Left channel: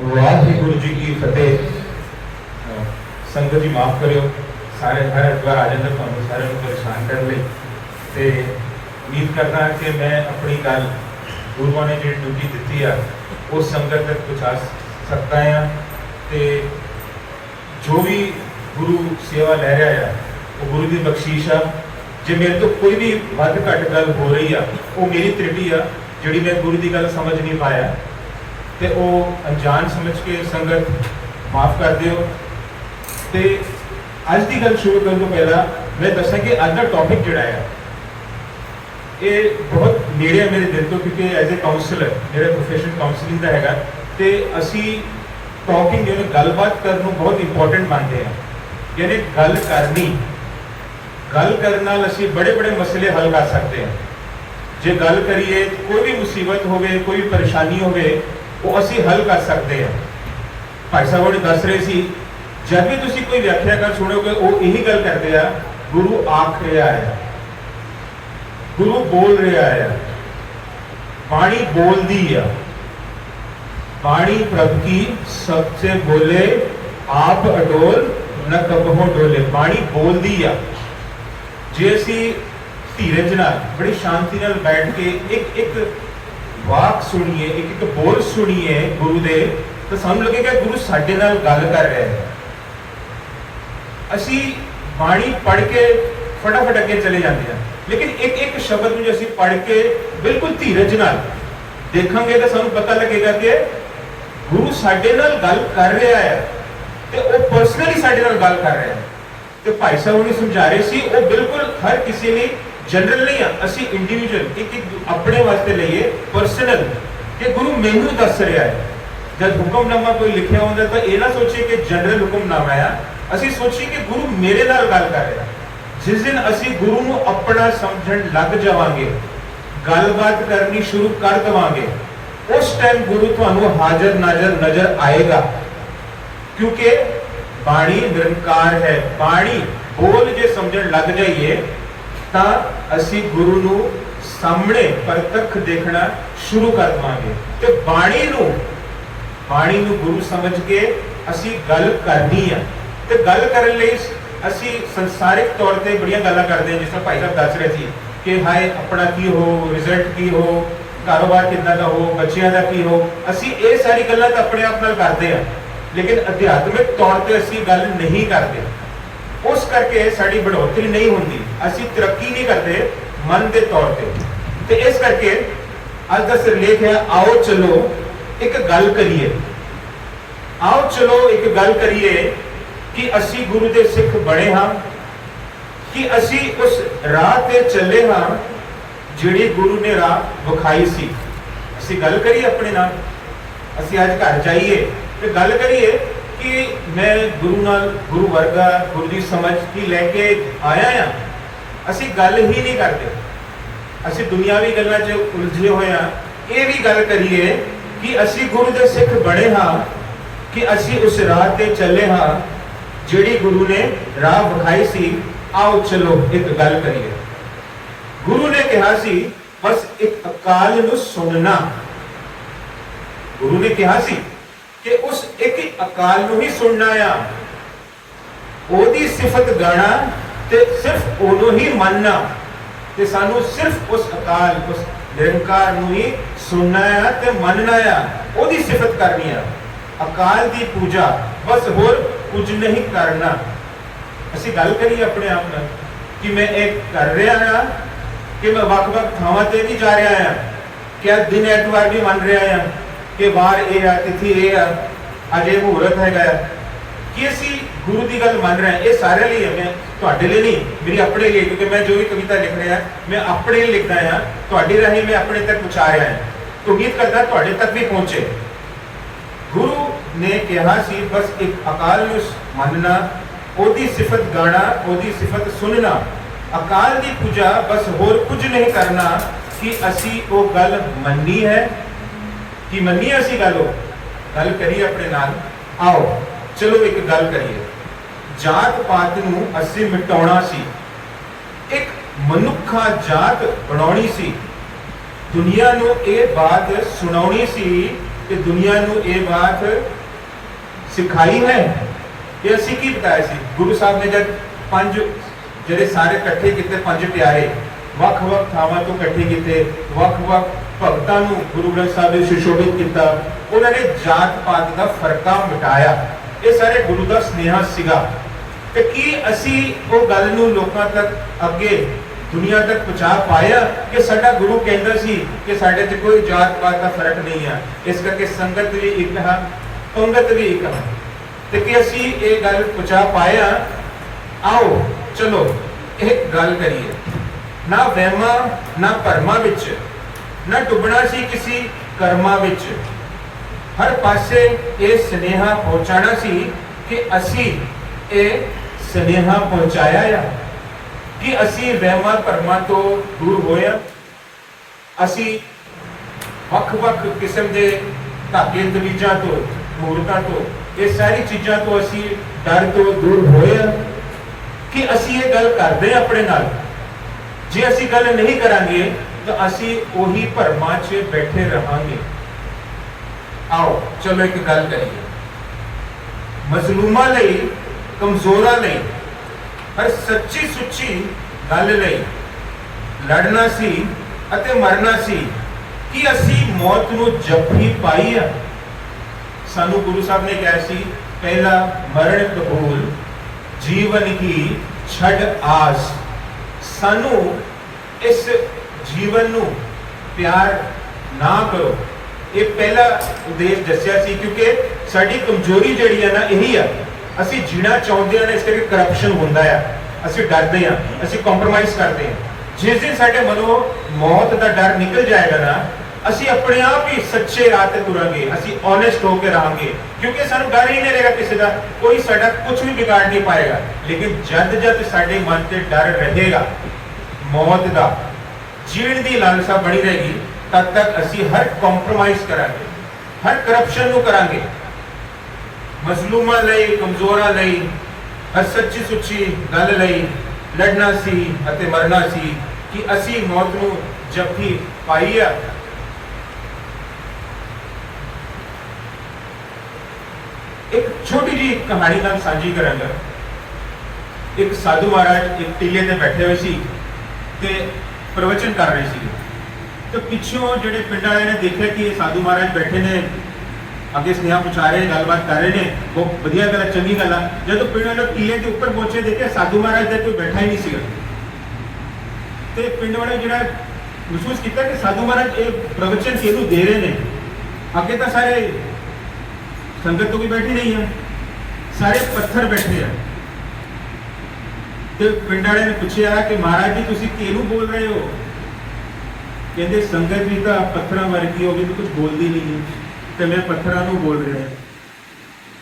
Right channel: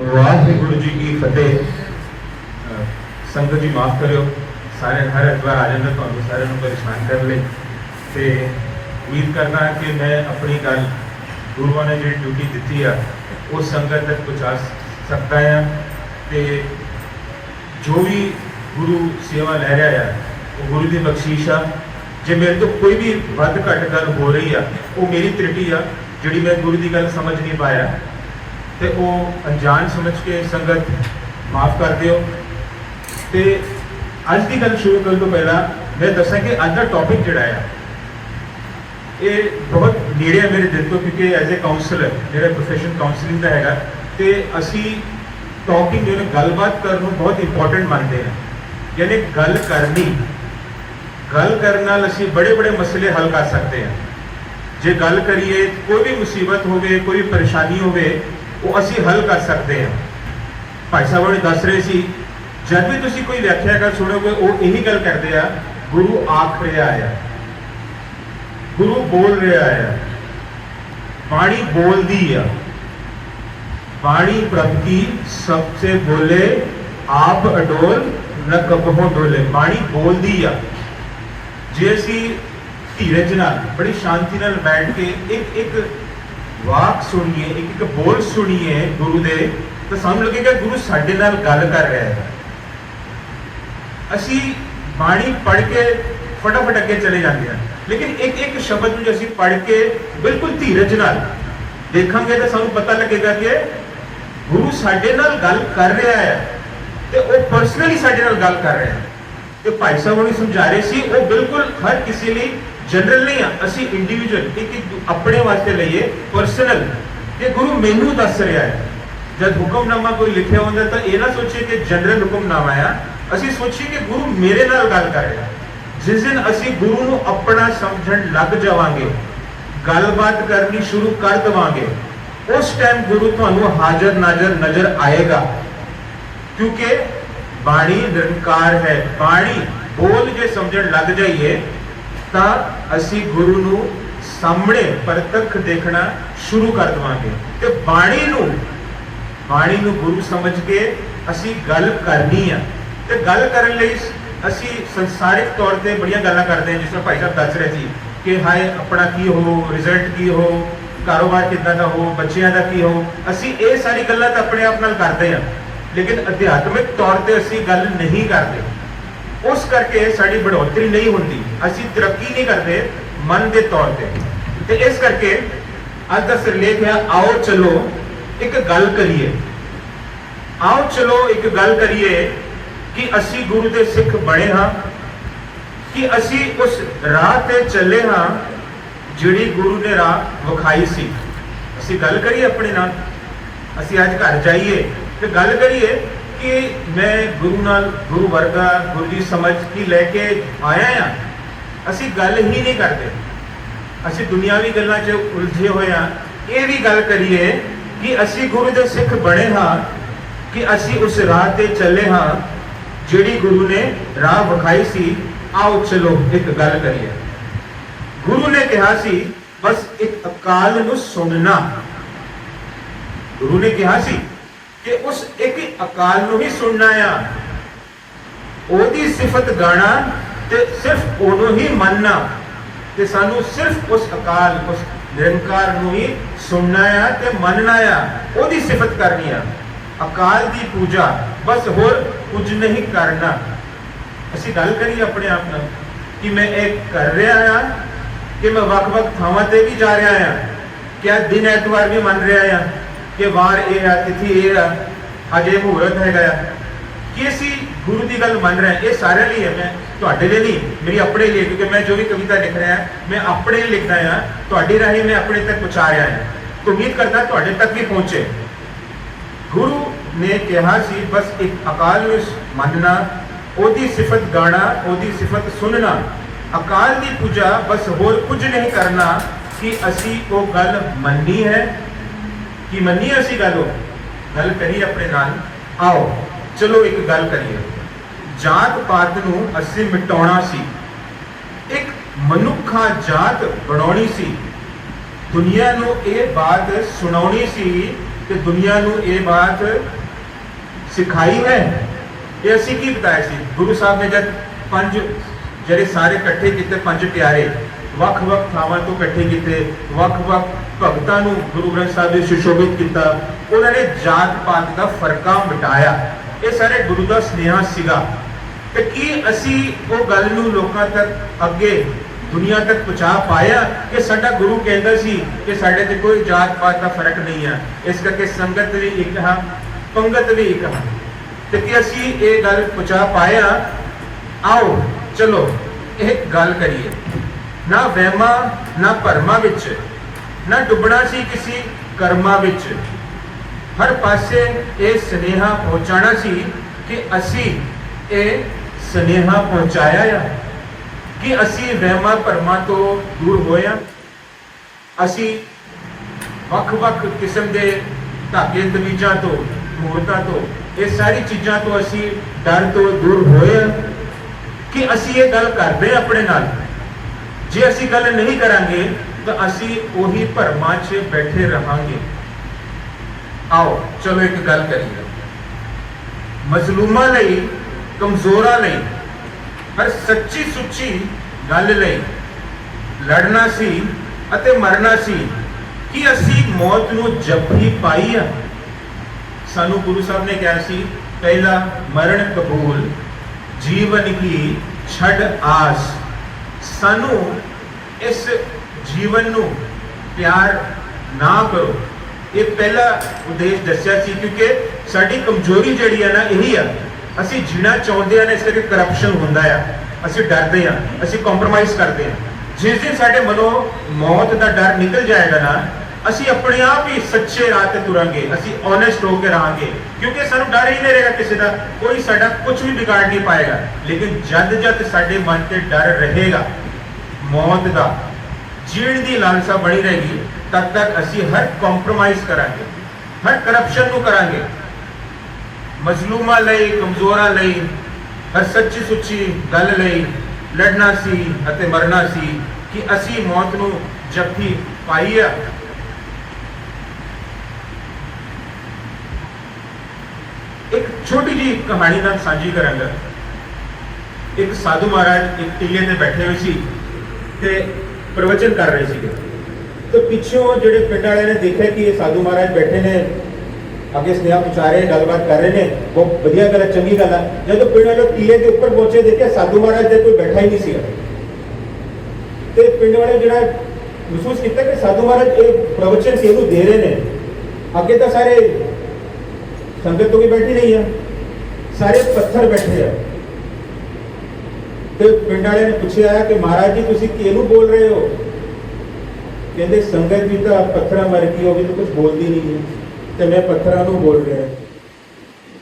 ਵਾਹਿਗੁਰੂ ਜੀ ਕੀ ਫਤਿਹ। ਸੰਗਤ ਜੀ ਮਾਫ ਕਰਿਓ। ਸਾਰੇ ਹਰ ਇੱਕ ਵਾਰ ਆ ਜਾਂਦਾ ਤੁਹਾਨੂੰ ਸਾਰਿਆਂ ਨੂੰ ਪਰੇਸ਼ਾਨ ਕਰਨ ਲਈ। ਤੇ ਉਮੀਦ ਕਰਦਾ ਹਾਂ ਕਿ ਮੈਂ ਆਪਣੀ ਗੱਲ ਗੁਰੂਆਂ ਨੇ ਜਿਹੜੀ ਡਿਊਟੀ ਦਿੱਤੀ ਆ ਉਹ ਸੰਗਤ ਤੱਕ ਪਹੁੰਚਾ ਸਕਦਾ ਹਾਂ। ਤੇ ਜੋ ਵੀ ਗੁਰੂ ਸੇਵਾ ਲੈ ਰਿਹਾ ਆ, ਉਹ ਗੁਰੂ ਦੀ ਬਖਸ਼ੀਸ਼ ਆ। ਜੇ ਮੇਰੇ ਤੋਂ ਕੋਈ ਵੀ ਵੱਧ ਘੱਟ ਗੱਲ ਹੋ ਰਹੀ ਆ, ਉਹ ਮੇਰੀ ਤ੍ਰਿਟੀ ਆ, ਜਿਹੜੀ ਮੈਂ ਗੁਰੂ ਦੀ ਗੱਲ ਸਮਝ ਨਹੀਂ ਪਾਇਆ। ਤੇ ਉਹ ਅਣਜਾਣ ਸਮਝ ਕੇ ਸੰਗਤ ਮਾਫ ਕਰ ਦਿਓ। ਤੇ ਅੱਜ ਦੀ ਗੱਲ ਸ਼ੁਰੂ ਕਰਨ ਤੋਂ ਪਹਿਲਾਂ ਮੈਂ ਦੱਸਾਂ ਕਿ ਅੱਜ ਦਾ ਟੌਪਿਕ ਜਿਹੜਾ ਹੈ ਇਹ ਬਹੁਤ ਨੇੜੇ ਹੈ ਮੇਰੇ ਦਿਲ ਤੋਂ, ਕਿਉਂਕਿ ਐਜ਼ ਅ ਕਾਉਂਸਲਰ ਮੇਰੇ ਪ੍ਰੋਫੈਸ਼ਨ ਕਾਉਂਸਲਿੰਗ ਦਾ ਹੈਗਾ। ਤੇ ਅਸੀਂ ਟਾਕਿੰਗ ਜਿਹਨੂੰ ਗੱਲਬਾਤ ਕਰਨ ਨੂੰ ਬਹੁਤ ਇੰਪੋਰਟੈਂਟ ਮੰਨਦੇ ਹਾਂ ਯਾਨੀ ਗੱਲ ਕਰਨੀ, ਗੱਲ ਕਰਨ ਨਾਲ ਅਸੀਂ ਬੜੇ ਬੜੇ ਮਸਲੇ ਹੱਲ ਕਰ ਸਕਦੇ ਹਾਂ ਜੇ ਗੱਲ ਕਰੀਏ, ਕੋਈ ਵੀ ਮੁਸੀਬਤ ਹੋਵੇ, ਕੋਈ ਵੀ ਪਰੇਸ਼ਾਨੀ ਹੋਵੇ ਉਹ ਅਸੀਂ ਹੱਲ ਕਰ ਸਕਦੇ ਹਾਂ। ਭਾਈ ਸਾਹਿਬ ਨੇ ਦੱਸ ਰਹੇ ਸੀ, ਜਦ ਵੀ ਤੁਸੀਂ ਕੋਈ ਵਿਆਖਿਆ ਕਰ ਸੁਣੋਗੇ ਉਹ ਇਹੀ ਗੱਲ ਕਰਦੇ ਆ, ਗੁਰੂ ਆਖ ਰਿਹਾ ਹੈ ਗੁਰੂ ਬੋਲ ਰਿਹਾ ਹੈ ਬਾਣੀ ਬੋਲਦੀ ਆ। ਬਾਣੀ ਪ੍ਰਭ ਕੀ ਸਭ ਸੇ ਬੋਲੇ, ਆਪ ਅਡੋਲ ਨ ਕਬਹੋ ਡੋਲੇ। ਬਾਣੀ ਬੋਲਦੀ ਆ। ਜੇ ਅਸੀਂ ਧੀਰਜ ਨਾਲ, ਬੜੀ ਸ਼ਾਂਤੀ ਨਾਲ ਬੈਠ ਕੇ ਇੱਕ ਇੱਕ ਵਾਕ ਸੁਣੀਏ, ਇੱਕ ਇੱਕ ਬੋਲ ਸੁਣੀਏ ਗੁਰੂ ਦੇ, ਤਾਂ ਸਾਨੂੰ ਲੱਗੇਗਾ ਗੁਰੂ ਸਾਡੇ ਨਾਲ ਗੱਲ ਕਰ ਰਿਹਾ ਹੈ। ਅਸੀਂ ਬਾਣੀ ਪੜ੍ਹ ਕੇ ਫਟਾਫਟ ਅੱਗੇ ਚਲੇ ਜਾਂਦੇ ਹਾਂ। ਲੇਕਿਨ ਇੱਕ ਇੱਕ ਸ਼ਬਦ ਨੂੰ ਜੇ ਅਸੀਂ ਪੜ੍ਹ ਕੇ ਬਿਲਕੁਲ ਧੀਰਜ ਨਾਲ ਦੇਖਾਂਗੇ ਤਾਂ ਸਾਨੂੰ ਪਤਾ ਲੱਗੇਗਾ ਕਿ ਗੁਰੂ ਸਾਡੇ ਨਾਲ ਗੱਲ ਕਰ ਰਿਹਾ ਹੈ ਤੇ ਉਹ ਪਰਸਨਲੀ ਸਾਡੇ ਨਾਲ ਗੱਲ ਕਰ ਰਿਹਾ ਹੈ। ਤੇ ਭਾਈ ਸਾਹਿਬ ਉਹਨੇ ਸਮਝਾ ਰਹੇ ਸੀ, ਉਹ ਬਿਲਕੁਲ ਹਰ ਕਿਸੇ ਲਈ ਜਨਰਲ ਨਹੀਂ ਆ ਅਸੀਂ ਇੰਡੀਵਿਜੂਅਲ ਇੱਕ ਇੱਕ ਆਪਣੇ ਵਾਸਤੇ ਲਈਏ ਪਰਸਨਲ ਕਿ ਗੁਰੂ ਮੈਨੂੰ ਦੱਸ ਰਿਹਾ ਹੈ ਜਦ ਹੁਕਮਨਾਮਾ ਕੋਈ ਲਿਖਿਆ ਹੁੰਦਾ ਤਾਂ ਇਹ ਨਾ ਸੋਚੀਏ ਕਿ ਜਨਰਲ ਹੁਕਮਨਾਮਾ ਆ ਅਸੀਂ ਸੋਚੀਏ ਕਿ ਗੁਰੂ ਮੇਰੇ ਨਾਲ ਗੱਲ ਕਰ ਰਿਹਾ ਜਿਸ ਦਿਨ ਅਸੀਂ ਗੁਰੂ ਨੂੰ ਆਪਣਾ ਸਮਝਣ ਲੱਗ ਜਾਵਾਂਗੇ ਗੱਲਬਾਤ ਕਰਨੀ ਸ਼ੁਰੂ ਕਰ ਦਵਾਂਗੇ ਉਸ ਟਾਈਮ ਗੁਰੂ ਤੁਹਾਨੂੰ ਹਾਜ਼ਰ ਨਾਜ਼ਰ ਨਜ਼ਰ ਆਏਗਾ ਕਿਉਂਕਿ ਬਾਣੀ ਨਿਰੰਕਾਰ ਹੈ ਬਾਣੀ ਬੋਲ ਜੇ ਸਮਝਣ ਲੱਗ ਜਾਈਏ ਤਾਂ ਅਸੀਂ ਗੁਰੂ ਨੂੰ ਸਾਹਮਣੇ ਪ੍ਰਤੱਖ ਦੇਖਣਾ ਸ਼ੁਰੂ ਕਰ ਦਵਾਂਗੇ। ਤੇ ਬਾਣੀ ਨੂੰ ਬਾਣੀ ਨੂੰ ਗੁਰੂ ਸਮਝ ਕੇ ਅਸੀਂ ਗੱਲ ਕਰਨੀ ਆ। ਤੇ ਗੱਲ ਕਰਨ ਲਈ ਅਸੀਂ ਸੰਸਾਰਿਕ ਤੌਰ ਤੇ ਬੜੀਆਂ ਗੱਲਾਂ ਕਰਦੇ ਹਾਂ, ਜਿਸ ਤਰ੍ਹਾਂ ਭਾਈ ਸਾਹਿਬ ਦੱਸ ਰਹੇ ਸੀ ਕਿ ਹਾਏ, ਆਪਣਾ ਕੀ ਹੋ ਰਿਜ਼ਲਟ ਕੀ ਹੋ, ਕਾਰੋਬਾਰ ਕਿੱਦਾਂ ਦਾ ਹੋ, ਬੱਚਿਆਂ ਦਾ ਕੀ ਹੋ। ਅਸੀਂ ਇਹ ਸਾਰੀ ਗੱਲਾਂ ਤਾਂ ਆਪਣੇ ਆਪ ਨਾਲ ਕਰਦੇ ਹਾਂ, ਲੇਕਿਨ ਅਧਿਆਤਮਿਕ ਤੌਰ ਤੇ ਅਸੀਂ ਗੱਲ ਨਹੀਂ ਕਰਦੇ। ਉਸ ਕਰਕੇ ਸਾਡੀ ਬੜੋਤਰੀ ਨਹੀਂ ਹੁੰਦੀ। ਅਸੀਂ ਤਰੱਕੀ ਨਹੀਂ ਕਰਦੇ ਮਨ ਦੇ ਤੌਰ ਤੇ। ਤੇ ਇਸ ਕਰਕੇ ਅੱਜ ਦਾ ਸਿਰਲੇਖ ਹੈ, ਆਓ ਚਲੋ ਇੱਕ ਗੱਲ ਕਰੀਏ। ਆਓ ਚਲੋ ਇੱਕ ਗੱਲ ਕਰੀਏ ਕਿ ਅਸੀਂ ਗੁਰੂ ਦੇ ਸਿੱਖ ਬਣੇ ਹਾਂ, ਕਿ ਅਸੀਂ ਉਸ ਰਾਹ ਤੇ ਚੱਲੇ ਹਾਂ ਜਿਹੜੀ ਗੁਰੂ ਨੇ ਰਾਹ ਵਿਖਾਈ ਸੀ। ਅਸੀਂ ਗੱਲ ਕਰੀਏ ਆਪਣੇ ਨਾਲ। ਅਸੀਂ ਅੱਜ ਘਰ ਜਾਈਏ ਤੇ ਗੱਲ ਕਰੀਏ ਕਿ ਮੈਂ ਗੁਰੂ ਨਾਲ ਗੁਰੂ ਵਰਗਾ ਗੁਰੂ ਦੀ ਸਮਝ ਕੀ ਲੈ ਕੇ ਆਇਆ ਹਾਂ। ਅਸੀਂ ਗੱਲ ਹੀ ਨਹੀਂ ਕਰਦੇ। ਅਸੀਂ ਦੁਨਿਆਵੀ ਗੱਲਾਂ 'ਚ ਉਲਝੇ ਹੋਏ ਹਾਂ। ਇਹ ਵੀ ਗੱਲ ਕਰੀਏ ਕਿ ਅਸੀਂ ਗੁਰੂ ਦੇ ਸਿੱਖ ਬਣੇ ਹਾਂ ਕਿ ਅਸੀਂ ਉਸ ਰਾਹ ਤੇ ਚੱਲੇ ਹਾਂ, ਜਿਹੜੀ ਗੁਰੂ ਨੇ ਰਾਹ ਵਿਖਾਈ ਸੀ। ਆਓ ਚਲੋ ਇੱਕ ਗੱਲ ਕਰੀਏ। ਗੁਰੂ ਨੇ ਕਿਹਾ ਸੀ, ਬਸ ਇੱਕ ਅਕਾਲ ਨੂੰ ਸੁਣਨਾ। ਗੁਰੂ ਨੇ ਕਿਹਾ ਸੀ ਕਿ ਉਸ ਇੱਕ ਅਕਾਲ ਨੂੰ ਹੀ ਸੁਣਨਾ ਆ। ਉਹਦੀ ਸਿਫਤ ਗਾਣਾ ਤੇ ਸਿਰਫ ਉਹਨੂੰ ਹੀ ਮੰਨਣਾ ਤੇ ਸਾਨੂੰ ਸਿਰਫ ਉਸ ਅਕਾਲ, ਉਸ ਨਿਰੰਕਾਰ ਨੂੰ ਹੀ ਸੁਣਨਾ ਆ ਤੇ ਮੰਨਣਾ ਆ, ਉਹਦੀ ਸਿਫਤ ਕਰਨੀ ਆ। ਅਕਾਲ ਦੀ ਪੂਜਾ ਬਸ ਹੋਰ ਕੁਝ ਨਹੀਂ ਕਰਨਾ। ਅਸੀਂ ਗੱਲ ਕਰੀਏ ਆਪਣੇ ਆਪ ਨਾਲ ਕਿ ਮੈਂ ਇਹ ਕਰ ਰਿਹਾ ਹਾਂ ਕਿ ਮੈਂ ਵੱਖ-ਵੱਖ ਥਾਵਾਂ ਤੇ ਵੀ ਜਾ ਰਿਹਾ ਹਾਂ ਕਿ ਅੱਜ ਦਿਨ ਐਤਵਾਰ ਵੀ ਮੰਨ ਰਿਹਾ ਹਾਂ ਕਿ ਵਾਰ ਇਹ ਆ, ਤਿਥੀ ਇਹ ਆ, ਅਜੇ ਇਹ ਮਹੂਰਤ ਹੈਗਾ ਆ। ਕਿ ਅਸੀਂ ਗੁਰੂ ਦੀ ਗੱਲ ਮੰਨ ਰਹੇ ਹਾਂ ਇਹ ਸਾਰਿਆਂ ਲਈ ਹੈ ਮੈਂ ਤੁਹਾਡੇ ਲਈ ਨਹੀਂ ਮੇਰੀ ਆਪਣੇ ਲਈ ਕਿਉਂਕਿ ਮੈਂ ਜੋ ਵੀ ਕਵਿਤਾ ਲਿਖ ਰਿਹਾ ਮੈਂ ਆਪਣੇ ਲਈ ਲਿਖਦਾ ਹਾਂ ਤੁਹਾਡੇ ਰਾਹੀਂ ਮੈਂ ਆਪਣੇ ਤੱਕ ਪਹੁੰਚਾ ਰਿਹਾ ਹਾਂ ਤਾਂ ਉਮੀਦ ਕਰਦਾ ਤੁਹਾਡੇ ਤੱਕ ਵੀ ਪਹੁੰਚੇ ਗੁਰੂ ਨੇ ਕਿਹਾ ਸੀ ਬਸ ਇੱਕ ਅਕਾਲ ਨੂੰ ਮੰਨਣਾ ਉਹਦੀ ਸਿਫਤ ਗਾਣਾ ਉਹਦੀ ਸਿਫਤ ਸੁਣਨਾ ਅਕਾਲ ਦੀ ਪੂਜਾ ਬਸ ਹੋਰ ਕੁਝ ਨਹੀਂ ਕਰਨਾ ਕਿ ਅਸੀਂ ਉਹ ਗੱਲ ਮੰਨੀ ਹੈ ਕਿ ਮੰਨੀ ਅਸੀਂ ਗੱਲ ਉਹ ਗੱਲ ਕਰੀਏ ਆਪਣੇ ਨਾਲ ਆਓ ਚਲੋ ਇੱਕ ਗੱਲ ਕਰੀਏ। ਜਾਤ ਪਾਤ ਨੂੰ ਅਸੀਂ ਮਿਟਾਉਣਾ ਸੀ। ਇੱਕ ਮਨੁੱਖਾ ਜਾਤ ਬਣਾਉਣੀ ਸੀ। ਦੁਨੀਆ ਨੂੰ ਇਹ ਬਾਤ ਸੁਣਾਉਣੀ ਸੀ ਕਿ ਦੁਨੀਆ ਨੂੰ ਇਹ ਬਾਤ ਸਿਖਾਈ ਹੈ। ਇਹ ਅਸੀਂ ਕੀ ਬਤਾਇਆ ਸੀ? ਗੁਰੂ ਸਾਹਿਬ ਨੇ ਜਦ ਪੰਜ ਜਿਹੜੇ ਸਾਰੇ ਇਕੱਠੇ ਕੀਤੇ, ਪੰਜ ਪਿਆਰੇ, ਵੱਖ-ਵੱਖ ਥਾਵਾਂ ਤੋਂ ਇਕੱਠੇ ਕੀਤੇ, ਵੱਖ-ਵੱਖ ਭਗਤਾਂ ਨੂੰ ਗੁਰੂ ਗ੍ਰੰਥ ਸਾਹਿਬ ਵਿੱਚ ਸੁਸ਼ੋਭਿਤ ਕੀਤਾ, ਉਹਨਾਂ ਨੇ ਜਾਤ ਪਾਤ ਦਾ ਫਰਕਾ ਮਿਟਾਇਆ। ਇਹ ਸਾਰੇ ਗੁਰੂ ਦਾ ਸਨੇਹਾ ਸੀਗਾ। ਤੇ ਕੀ ਅਸੀਂ ਉਹ ਗੱਲ ਨੂੰ ਲੋਕਾਂ ਤੱਕ ਅੱਗੇ, ਦੁਨੀਆ ਤੱਕ ਪਹੁੰਚਾ ਪਾਇਆ ਕਿ ਸਾਡਾ ਗੁਰੂ ਕਹਿੰਦਾ ਸੀ ਕਿ ਸਾਡੇ ਤੇ ਕੋਈ ਜਾਤ ਪਾਤ ਦਾ ਫ਼ਰਕ ਨਹੀਂ ਹੈ ਇਸ ਕਰਕੇ ਸੰਗਤ ਵੀ ਇੱਕ ਹੈ, ਪੰਗਤ ਵੀ ਇੱਕ ਹੈ। ਤੇ ਕਿ ਅਸੀਂ ਇਹ ਗੱਲ ਪਹੁੰਚਾ ਪਾਇਆ? ਆਓ, ਚਲੋ, ਇਹ ਗੱਲ ਕਰੀਏ। ਨਾ ਵਹਿਮਾਂ, ਨਾ ਭਰਮਾਂ ਵਿੱਚ, ਨਾ ਡੁੱਬਣਾ ਸੀ ਕਿਸੇ ਕਰਮਾਂ ਵਿੱਚ। ਹਰ ਪਾਸੇ ਇਹ ਸੁਨੇਹਾ ਪਹੁੰਚਾਣਾ ਸੀ ਕਿ ਅਸੀਂ ਇਹ ਸੁਨੇਹਾ ਪਹੁੰਚਾਇਆ ਆ। ਕਿ ਅਸੀਂ ਵਹਿਮਾਂ ਭਰਮਾਂ ਤੋਂ ਦੂਰ ਹੋਏ ਹਾਂ ਅਸੀਂ ਵੱਖ-ਵੱਖ ਕਿਸਮ ਦੇ ਧਾਗੇ ਤਵੀਜ਼ਾਂ ਤੋਂ ਮੂਰਤਾਂ ਤੋਂ, ਇਹ ਸਾਰੀ ਚੀਜ਼ਾਂ ਤੋਂ ਅਸੀਂ ਡਰ ਤੋਂ ਦੂਰ ਹੋਏ ਹਾਂ ਕਿ ਅਸੀਂ ਇਹ ਗੱਲ ਕਰਦੇ ਹਾਂ ਆਪਣੇ ਨਾਲ। ਜੇ ਅਸੀਂ ਗੱਲ ਨਹੀਂ ਕਰਾਂਗੇ, ਤਾਂ ਅਸੀਂ ਉਹੀ ਭਰਮਾਂ 'ਚ ਬੈਠੇ ਰਹਾਂਗੇ। ਆਓ, ਚਲੋ ਇੱਕ ਗੱਲ ਕਰੀਏ। ਮਜ਼ਲੂਮਾਂ ਲਈ, ਕਮਜ਼ੋਰਾਂ ਲਈ, ਪਰ ਸੱਚੀ ਸੁੱਚੀ ਗੱਲ ਲਈ ਲੜਨਾ ਸੀ ਅਤੇ ਮਰਨਾ ਸੀ ਕਿ ਅਸੀਂ ਮੌਤ ਨੂੰ ਜੱਫੀ ਪਾਈ ਆ। ਸਾਨੂੰ ਗੁਰੂ ਸਾਹਿਬ ਨੇ ਕਿਹਾ ਸੀ, ਪਹਿਲਾ ਮਰਨ ਕਬੂਲ, ਜੀਵਨ ਕੀ ਛੱਡ ਆਸ। ਸਾਨੂੰ ਇਸ ਜੀਵਨ ਨੂੰ ਪਿਆਰ ਨਾ ਕਰੋ। ਇਹ ਪਹਿਲਾ ਉਦੇਸ਼ ਦੱਸਿਆ ਸੀ ਕਿਉਂਕਿ ਸਾਡੀ ਕਮਜ਼ੋਰੀ ਜਿਹੜੀ ਹੈ ਨਾ ਇਹੀ ਆ, ਅਸੀਂ ਜੀਣਾ ਚਾਹੁੰਦੇ ਆ ਨਾ, ਇਸ ਕਰਕੇ ਕਰਪਸ਼ਨ ਹੁੰਦਾ ਆ। ਅਸੀਂ ਡਰਦੇ ਆ ਅਸੀਂ ਕੰਪਰੋਮਾਈਜ਼ ਕਰਦੇ ਆ ਜਿਸ ਦਿਨ ਸਾਡੇ ਮਨੋਂ ਮੌਤ ਦਾ ਡਰ ਨਿਕਲ ਜਾਏਗਾ ਨਾ, ਅਸੀਂ ਆਪਣੇ ਆਪ ਹੀ ਸੱਚੇ ਰਾਹ ਤੇ ਤੁਰਾਂਗੇ, ਅਸੀਂ ਓਨੈਸਟ ਹੋ ਕੇ ਰਹਾਂਗੇ। ਕਿਉਂਕਿ ਸਾਨੂੰ ਡਰ ਹੀ ਨਹੀਂ ਰਹੇਗਾ ਕਿਸੇ ਦਾ, ਕੋਈ ਸਾਡਾ ਕੁਝ ਵੀ ਵਿਗਾੜ ਨਹੀਂ ਪਾਏਗਾ। ਲੇਕਿਨ ਜਦ ਜਦ ਸਾਡੇ ਮਨ ਤੇ ਡਰ ਰਹੇਗਾ ਮੌਤ ਦਾ, ਜੀਣ ਦੀ ਲਾਲਸਾ ਬਣੀ ਰਹੇਗੀ ਤਦ ਤੱਕ ਅਸੀਂ ਹਰ ਕੰਪਰੋਮਾਈਜ਼ ਕਰਾਂਗੇ, ਹਰ ਕਰਪਸ਼ਨ ਨੂੰ ਕਰਾਂਗੇ। ਮਜ਼ਲੂਮਾਂ ਲਈ, ਕਮਜ਼ੋਰਾਂ ਲਈ, ਹਰ ਸੱਚੀ ਸੁੱਚੀ ਗੱਲ ਲਈ ਲੜਨਾ ਸੀ ਅਤੇ ਮਰਨਾ ਸੀ ਕਿ ਅਸੀਂ ਮੌਤ ਨੂੰ ਜੱਫੀ ਪਾਈ ਆ। ਇੱਕ ਛੋਟੀ ਜੀ ਕਹਾਣੀ ਨਾਲ ਸਾਂਝੀ ਕਰਾਂਗਾ ਇੱਕ ਸਾਧੂ ਮਹਾਰਾਜ ਇੱਕ ਟਿੱਲੇ ਤੇ ਬੈਠੇ ਹੋਏ ਸੀ ਤੇ ਪ੍ਰਵਚਨ ਕਰ ਰਹੇ ਸੀਗੇ। ਤੇ ਪਿੱਛੋਂ ਜਿਹੜੇ ਪਿੰਡ ਵਾਲਿਆਂ ਨੇ ਦੇਖਿਆ ਕਿ ਇਹ ਸਾਧੂ ਮਹਾਰਾਜ ਬੈਠੇ ਨੇ, ਅੱਗੇ ਸਨੇਹਾ ਪਹੁੰਚਾ ਰਹੇ ਗੱਲਬਾਤ ਕਰ ਰਹੇ ਨੇ, ਬਹੁਤ ਵਧੀਆ ਗੱਲ ਹੈ, ਚੰਗੀ ਗੱਲ ਆ। ਜਦੋਂ ਪਿੰਡ ਵਾਲੇ ਟਿੱਲੇ ਦੇ ਉੱਪਰ ਪਹੁੰਚੇ, ਦੇਖਿਆ ਸਾਧੂ ਮਹਾਰਾਜ ਦੇ ਕੋਈ ਬੈਠਾ ਹੀ ਨਹੀਂ ਸੀਗਾ। ਤੇ ਪਿੰਡ ਵਾਲੇ ਜਿਹੜਾ ਮਹਿਸੂਸ ਕੀਤਾ ਕਿ ਸਾਧੂ ਮਹਾਰਾਜ ਇਹ ਪ੍ਰਵਚਨ ਕਿਹਨੂੰ ਦੇ ਰਹੇ ਨੇ? ਅੱਗੇ ਤਾਂ ਸਾਰੇ ਸੰਗਤ ਤੋਂ ਵੀ ਬੈਠੀ ਨਹੀਂ ਹੈ। ਸਾਰੇ ਪੱਥਰ ਬੈਠੇ ਆ। ਤੇ ਪਿੰਡ ਵਾਲੇ ਨੇ ਪੁੱਛਿਆ ਕਿ ਮਹਾਰਾਜ ਜੀ, ਤੁਸੀਂ ਕਿਹਨੂੰ ਬੋਲ ਰਹੇ ਹੋ? ਕਹਿੰਦੇ ਸੰਗਤ ਵੀ ਤਾਂ ਪੱਥਰਾਂ ਵਰਗੀ ਉਹ ਵੀ ਤਾਂ ਕੁਝ ਬੋਲਦੀ ਨਹੀਂ ਤੇ ਮੈਂ ਪੱਥਰਾਂ ਨੂੰ ਬੋਲ ਰਿਹਾ।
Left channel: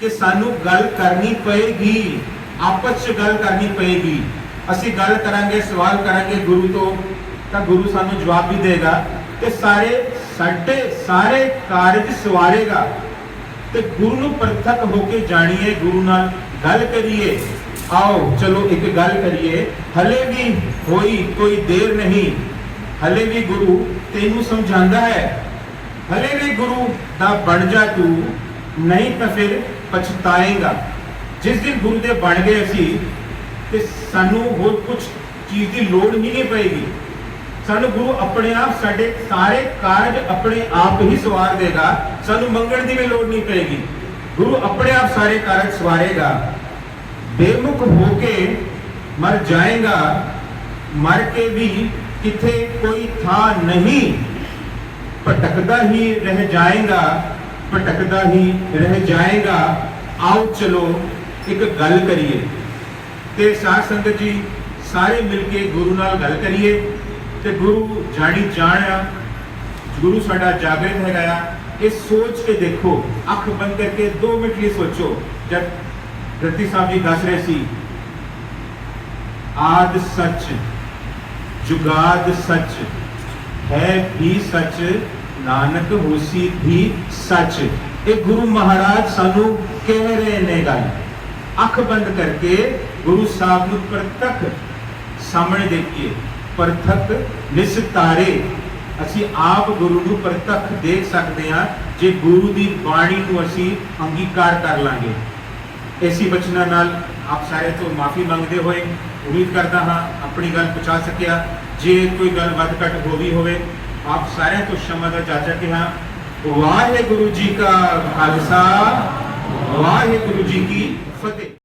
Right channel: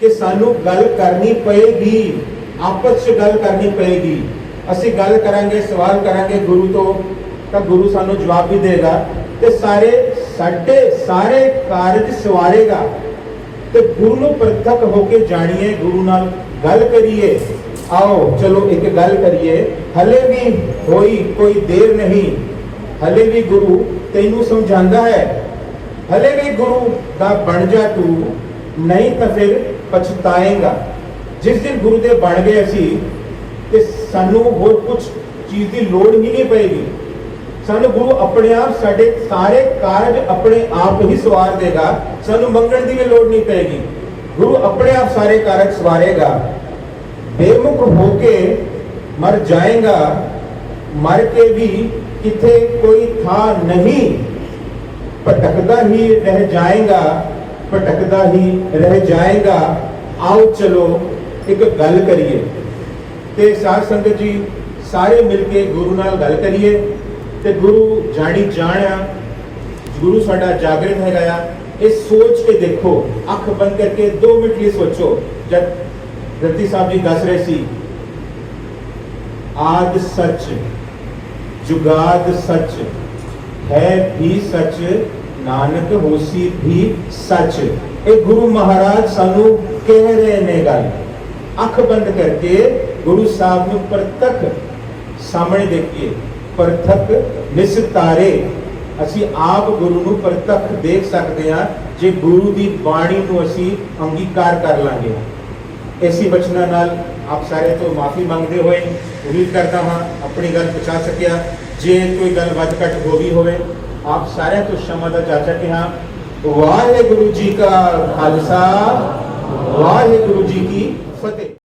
ਕਿ ਸਾਨੂੰ ਗੱਲ ਕਰਨੀ ਪਏਗੀ, ਆਪਸ 'ਚ ਗੱਲ ਕਰਨੀ ਪਏਗੀ। ਅਸੀਂ ਗੱਲ ਕਰਾਂਗੇ, ਸਵਾਲ ਕਰਾਂਗੇ ਗੁਰੂ ਤੋਂ, ਤਾਂ ਗੁਰੂ ਸਾਨੂੰ ਜਵਾਬ ਵੀ ਦੇਗਾ। ਤੇ ਸਾਰੇ, ਸਾਡੇ ਸਾਰੇ ਕਾਰਜ ਸਵਾਰੇਗਾ। ਤੇ ਗੁਰੂ ਨੂੰ ਪ੍ਰਤੱਖ ਹੋ ਕੇ ਜਾਣੀਏ, ਗੁਰੂ ਨਾਲ ਗੱਲ ਕਰੀਏ। ਆਓ, ਚਲੋ ਇੱਕ ਗੱਲ ਕਰੀਏ। ਹਲੇ ਵੀ ਹੋਈ ਕੋਈ ਦੇਰ ਨਹੀਂ। ਹਲੇ ਵੀ ਗੁਰੂ ਤੈਨੂੰ ਸਮਝਾਉਂਦਾ ਹੈ। ਹਲੇ ਵੀ ਗੁਰੂ ਦਾ ਬਣ ਜਾ ਤੂੰ, ਨਹੀਂ ਤਾਂ ਫਿਰ ਪਛਤਾਏਗਾ। ਜਿਸ ਦਿਨ ਗੁਰੂ ਦੇ ਬਣ ਗਏ ਅਸੀਂ, ਤੇ ਸਾਨੂੰ ਹੋਰ ਕੁਝ ਚੀਜ਼ ਦੀ ਲੋੜ ਨਹੀਂ ਪਏਗੀ। ਸਾਨੂੰ ਗੁਰੂ ਆਪਣੇ ਆਪ ਸਾਡੇ ਸਾਰੇ ਕਾਰਜ ਆਪਣੇ ਆਪ ਹੀ ਸਵਾਰ ਦੇਗਾ। ਸਾਨੂੰ ਮੰਗਣ ਦੀ ਵੀ ਲੋੜ ਨਹੀਂ ਪਏਗੀ। ਗੁਰੂ ਆਪਣੇ ਆਪ ਸਾਰੇ ਕਾਰਜ ਸਵਾਰੇਗਾ। ਬੇਮੁਖ ਹੋ ਕੇ ਮਰ ਜਾਏਗਾ। ਮਰ ਕੇ ਵੀ ਕਿਥੇ ਕੋਈ ਥਾਂ ਨਹੀਂ। ਭਟਕਦਾ ਹੀ ਰਹਿ ਜਾਏਗਾ, ਭਟਕਦਾ ਹੀ ਰਹਿ ਜਾਏਗਾ। ਆਓ ਚਲੋ, ਇੱਕ ਗੱਲ ਕਰੀਏ। ਤੇ ਸਾਧ ਸੰਗਤ ਜੀ, ਸਾਰੇ ਮਿਲ ਕੇ ਗੁਰੂ ਨਾਲ ਗੱਲ ਕਰੀਏ। ਤੇ ਗੁਰੂ ਜਾਣੀ ਜਾਣਿਆ ਗੁਰੂ ਸਾਡਾ ਜਾਗਰਣ ਹੈਗਾ ਆ। ਇਹ ਸੋਚ ਕੇ ਦੇਖੋ, ਅੱਖ ਬੰਦ ਕਰਕੇ 2 ਮਿੰਟ ਲਈ ਸੋਚੋ। ਜਦ ਰਤੀ ਸਾਹਿਬ ਜੀ ਦੱਸ ਰਹੇ ਸੀ, ਆਦ ਸੱਚ। ਜੁਗਾਦ ਸੱਚ। ਹੈ ਵੀ ਸੱਚ, ਨਾਨਕ ਹੋਸੀ ਵੀ ਸੱਚ। ਇਹ ਗੁਰੂ ਮਹਾਰਾਜ ਸਾਨੂੰ ਕਹਿ ਰਹੇ ਨੇ ਗੱਲ। ਅੱਖ ਬੰਦ ਕਰਕੇ ਗੁਰੂ ਸਾਹਿਬ ਨੂੰ ਪ੍ਰਤੱਖ ਸਾਹਮਣੇ ਦੇਖੀਏ। ਪ੍ਰਤੱਖ ਨਿਸਤਾਰੇ। ਅਸੀਂ ਆਪ ਗੁਰੂ ਨੂੰ ਪ੍ਰਤੱਖ ਦੇਖ ਸਕਦੇ ਹਾਂ। ਜੇ ਗੁਰੂ ਦੀ ਬਾਣੀ ਨੂੰ ਅਸੀਂ ਅੰਗੀਕਾਰ ਕਰ ਲਾਂਗੇ। ਐਸੀ ਬਚਨਾਂ ਨਾਲ ਆਪ ਸਾਰੇ ਤੋਂ ਮਾਫੀ ਮੰਗਦੇ ਹੋਏ ਉਮੀਦ ਕਰਦਾ ਹਾਂ ਆਪਣੀ ਗੱਲ ਪਹੁੰਚਾ ਸਕਿਆ। ਜੇ ਕੋਈ ਗੱਲ ਵੱਧ ਘੱਟ ਹੋ ਗਈ ਹੋਵੇ, ਆਪ ਸਾਰਿਆਂ ਤੋਂ ਸ਼ਮਾ ਦਾ ਚਾਚਾ ਕਿ ਹਾਂ ਵਾਹਿਗੁਰੂ ਜੀ ਕਾ ਖਾਲਸਾ, ਵਾਹਿਗੁਰੂ ਜੀ ਕੀ